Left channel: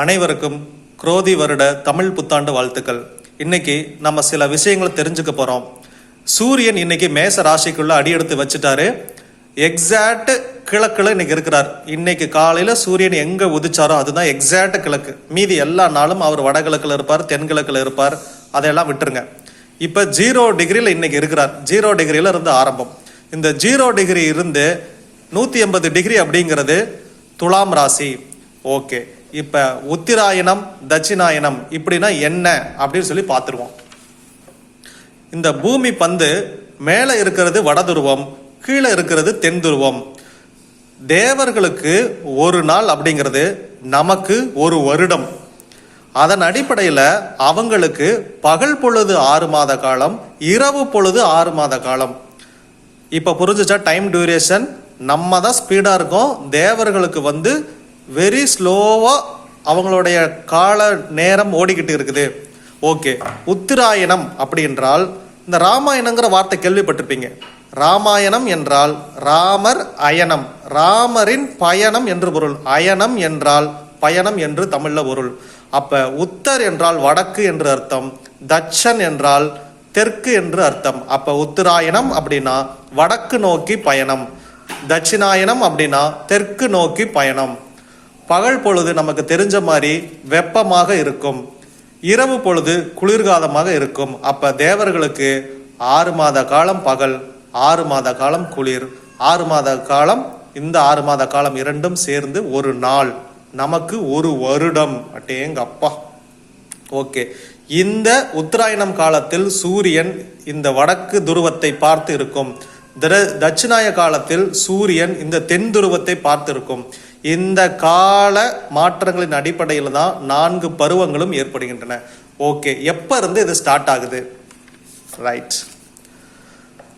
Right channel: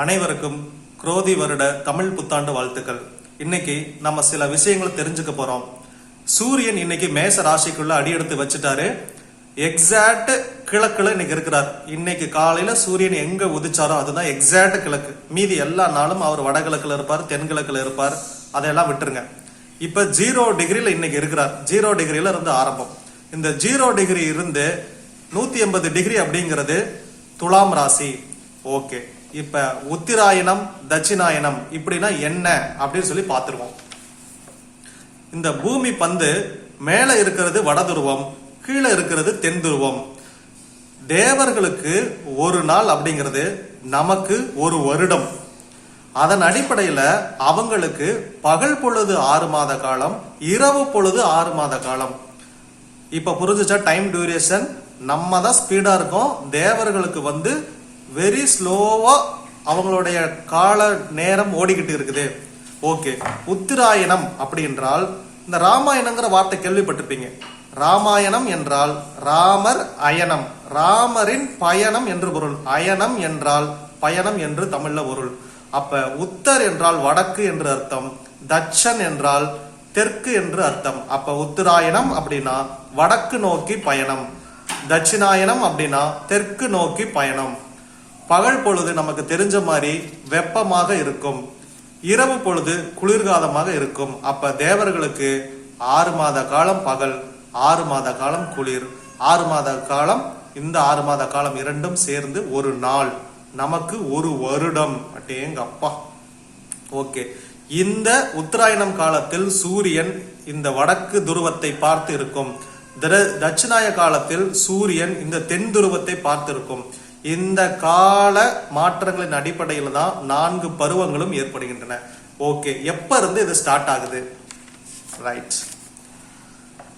அனைவருக்கும் குரோதி வருட தமிழ் புத்தாண்டு வாழ்த்துக்கள். இன்னைக்கு நம்ம சில விஷயங்களை தெரிஞ்சுக்க போறோம். சூரியன் இன்னைக்கு மேச ராசிக்குள்ள அடியெடுத்து வச்சுட்டாரு. எக்ஸாக்ட் கிழக்குல இன்னைக்கு இருக்கிறார். இன்னைக்கு காலையில சூரியன் எங்க உதிச்சாரோ அதுதான் எக்ஸாக்ட் கிழக்கு. மீதி எல்லா நாளும் அவர் வடகிழக்குல இருப்பார் தென்கிழக்குல இருப்பார். அதையெல்லாம் விட்டுருங்க. இப்ப ஜீரோ டிகிரியில இன்னைக்கு இருக்கிறார். ஜீரோ டிகிரியில இருந்து ஆரம்பம். இந்த ஜீரோ டிகிரி இருந்து நூத்தி எண்பது டிகிரி அப்படிங்கிறது துலாம் ராசி. ஓகே இப்ப உத்திராயணம் தட்சிணாயனம் இப்படின்னா என்ன அப்படின்னு சொல்லி பார்த்துருவோம். இந்த பூமி பந்து மேல இருக்கிறது வடதுருவம் கீழே இருக்கிறது தென் துருவம் தேவர்களுக்கு ஒரு நாள் அப்படிங்கிறது நமக்கு ஒரு வருடம். அதன் அடிப்படையில் அவங்களுக்கு பகல் பொழுது ஆறு மாத காலம் இரவு பொழுது ஆறு மாத காலம். இப்போ புரிஞ்சுச்சா? டைம் டியூரேஷன் நம்ம தான் ஸ்பீடாக இருக்கோம். தேவர்களுக்கு வந்து வெரி ஸ்லோவாக அவங்களுடைய கால நேரம் ஓடிக்கிட்டு இருக்குது. ஓகே உத்திராயணம் அப்படி என்றால் இந்த ராமாயணங்கிற வார்த்தை கேள்விப்பட்டிருப்பீங்க. ராமாயணம் என்றால் ராமர் அயனம் ராமரின் பயணம் என்று பொருள். அயனம் என்றால் பயணம் என்று தமிழ்ல பொருள். அப்ப உத்தர் என்றால் வடக்கு என்று அர்த்தம். தட்சன் என்றால் தெற்கு என்று அர்த்தம். அப்ப உத்தராயணம் அப்படின்னா வடக்கு நோக்கி பயணம். தட்சிணாயனம் அப்படின்னா தெற்கு நோக்கி பயணம். பகல் பொழுது நமக்கு தெரிஞ்ச மாதிரி வெப்பமாக இருக்கும். இரவு பொழுது குளிர்காலமாக இருக்கும். அப்ப தேவர்களுக்கு ஆறு மாத காலம் பகல் ஆறு மாத காலம் குளிர் ஆறு மாத காலம் இந்த ஆறு மாத காலம் இரண்டும் சேர்ந்து ஒரு நாள். நமக்கு ஒரு வருடம். அட்டேங்க அப்பா ஓகே. இந்த உத்தராயணம் காலத்தில் சூரியன் இந்த வடக்கு துருவத்தை பார்த்து இருக்கும். தட்சிணாய காலத்தில் சூரியன் இந்த தென் துருவத்தை பார்த்து இருக்கும். இந்த கால மாற்றங்களின் அடிப்படையில் தான் நான்கு பருவங்களும் ஏற்படுகின்றன. ஓகே எப்ப இருந்து இது ஸ்டார்ட் ஆகுது? ரைட்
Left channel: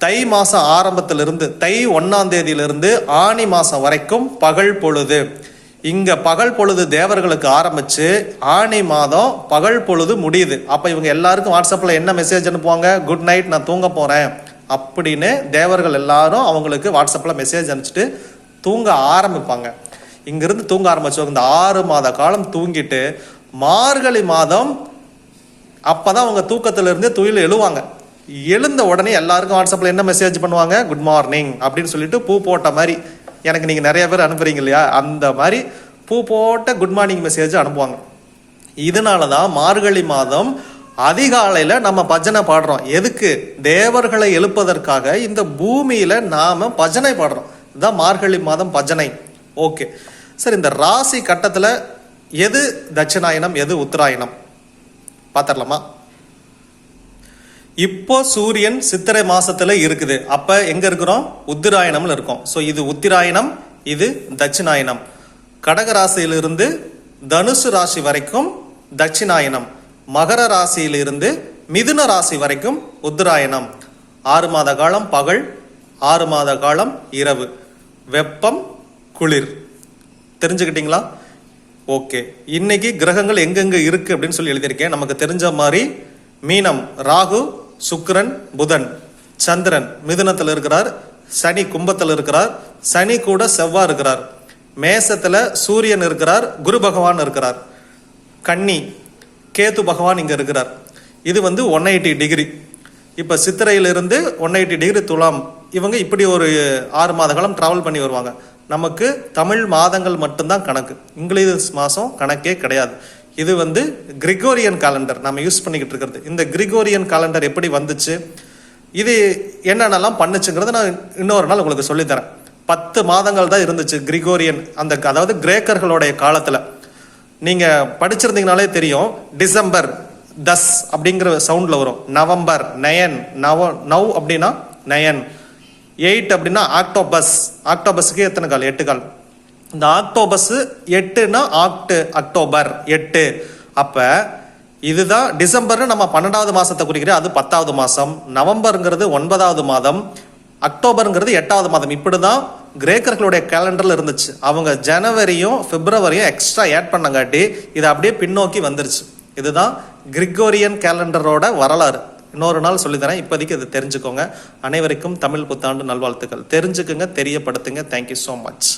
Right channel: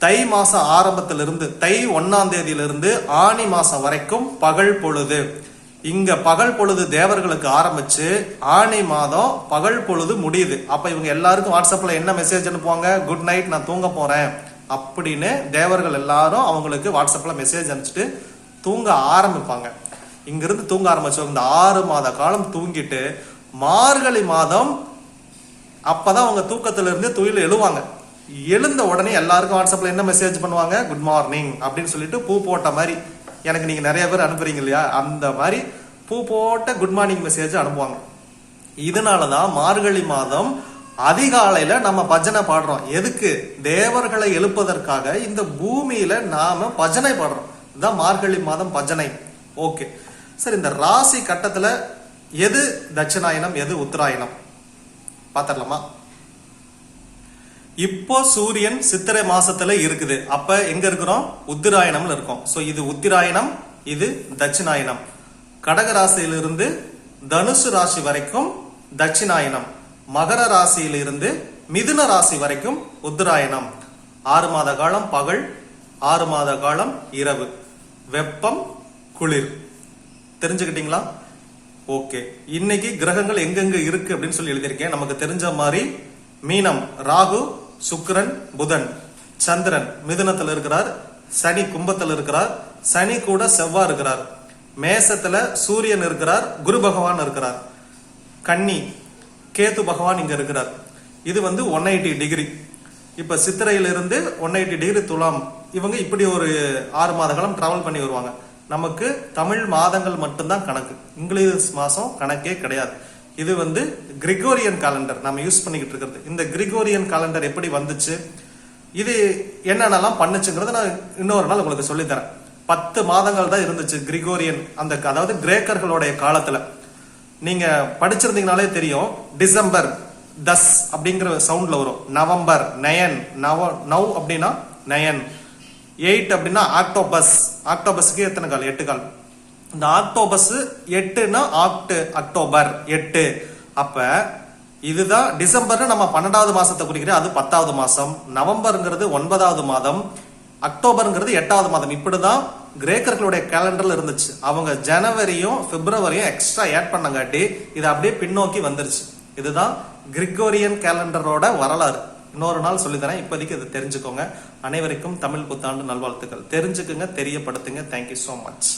தை மாசம் ஆரம்பத்திலிருந்து தை ஒன்னாம் தேதியிலிருந்து ஆனி மாசம் வரைக்கும் பகல் பொழுது. இங்க பகல் பொழுது தேவர்களுக்கு ஆரம்பிச்சு ஆனி மாதம் பகல் பொழுது முடியுது. அப்ப இவங்க எல்லாருக்கும் வாட்ஸ்அப்ல என்ன மெசேஜ் அனுப்புவாங்க? குட் நைட் நான் தூங்க போறேன். அப்படின்னு தேவர்கள் எல்லாரும் அவங்களுக்கு வாட்ஸ்அப்ல மெசேஜ் அனுப்பிச்சிட்டு தூங்க ஆரம்பிப்பாங்க. இங்கிருந்து தூங்க ஆரம்பிச்சவங்க இந்த ஆறு மாத காலம் தூங்கிட்டு மார்கழி மாதம் அப்பதான் அவங்க தூக்கத்துல இருந்து துயில் எழுவாங்க. எழுந்த உடனே எல்லாருக்கும் வாட்ஸ்அப்ல என்ன மெசேஜ் பண்ணுவாங்க? குட் மார்னிங் அப்படின்னு சொல்லிட்டு பூ போட்ட மாதிரி. எனக்கு நீங்க நிறைய பேர் அனுப்புறீங்க இல்லையா? அந்த மாதிரி பூ போட்ட குட் மார்னிங் மெசேஜ் அனுப்புவாங்க. இதனாலதான் மார்கழி மாதம் அதிகாலையில நம்ம பஜனை பாடுறோம். எதுக்கு? தேவர்களை எழுப்பதற்காக இந்த பூமியில நாம பஜனை பாடுறோம். இதுதான் மார்கழி மாதம் பஜனை. ஓகே. சார் இந்த ராசி கட்டத்துல எது தட்சிணாயனம் எது உத்தராயணம்? பாத்திரலாமா? இப்போ சூரியன் சித்திரை மாசத்துல இருக்குது. அப்ப எங்க இருக்கிறோம்? உத்திராயணம்ல இருக்கோம். சோ இது உத்திராயணம் இது தட்சிணாயனம் கடக ராசியிலிருந்து தனுசு ராசி வரைக்கும் தட்சிணாயனம் மகர ராசியிலிருந்து மிதுன ராசி வரைக்கும் உத்தராயணம். ஆறு மாத காலம் பகல் ஆறு மாத காலம் இரவு. வெப்பம் குளிர். தெரிஞ்சுக்கிட்டீங்களா? ஓகே. இன்னைக்கு கிரகங்கள் எங்கெங்க இருக்கு அப்படின்னு சொல்லி எழுதியிருக்கேன். நமக்கு தெரிஞ்ச மாதிரி மீனம் ராகு சுக்கரன் புதன் சந்திரன் மிதுனத்தில் இருக்கிறார். சனி கும்பத்தில் இருக்கிறார். சனி கூட செவ்வாய் இருக்கிறார். மேசத்துல சூரியன் இருக்கிறார். குரு பகவான் இருக்கிறார். கன்னி கேத்து பகவான் இங்க இருக்கிறார். இது வந்து ஒன் எயிட்டி டிகிரி. இப்ப சித்திரையிலிருந்து ஒன் எயிட்டி டிகிரி துலாம் இவங்க இப்படி ஒரு ஆறு மாத காலம் டிராவல் பண்ணி வருவாங்க. நமக்கு தமிழ் மாதங்கள் மட்டும்தான் கணக்கு. இங்கிலீஷ் மாதம் கணக்கே கிடையாது. இது வந்து கிரிகோரியன் காலண்டர் நம்ம யூஸ் பண்ணிக்கிட்டு இருக்கிறது. இந்த கிரிகோரியன் காலண்டர் எப்படி வந்துச்சு? இது என்னென்னலாம் பண்ணுச்சுங்கிறத நான் இன்னொரு நாள் உங்களுக்கு சொல்லித்தரேன். பத்து மாதங்கள் தான் இருந்துச்சு கிரிகோரியன் அந்த அதாவது கிரேக்கர்களுடைய காலத்தில். நீங்கள் படிச்சிருந்தீங்கனாலே தெரியும் டிசம்பர் தஸ் அப்படிங்கிற சவுண்டில் வரும். நவம்பர் நயன் நவ நவ் அப்படின்னா நயன். எயிட் அப்படின்னா ஆக்டோபஸ் ஆக்டோபஸ்க்கு எத்தனை கால்? எட்டு கால். இந்த ஆக்டோபஸ் எட்டுனா ஆக்டு அக்டோபர் எட்டு. அப்ப இதுதான் டிசம்பர்னு நம்ம பன்னெண்டாவது மாசத்தை குறிக்கிற அது பத்தாவது மாசம். நவம்பருங்கிறது ஒன்பதாவது மாதம். அக்டோபருங்கிறது எட்டாவது மாதம். இப்படிதான் கிரேக்கர்களுடைய கேலண்டர்ல இருந்துச்சு. அவங்க ஜனவரியும் பிப்ரவரியும் எக்ஸ்ட்ரா ஆட் பண்ணங்காட்டி இது அப்படியே பின்னோக்கி வந்துருச்சு. இதுதான் கிரிகோரியன் கேலண்டரோட வரலாறு. இன்னொரு நாள் சொல்லித்தரேன். இப்போதைக்கு இது தெரிஞ்சுக்கோங்க. அனைவருக்கும் தமிழ் புத்தாண்டு நல்வாழ்த்துக்கள். தெரிஞ்சுக்குங்க தெரியப்படுத்துங்க. Thank you so much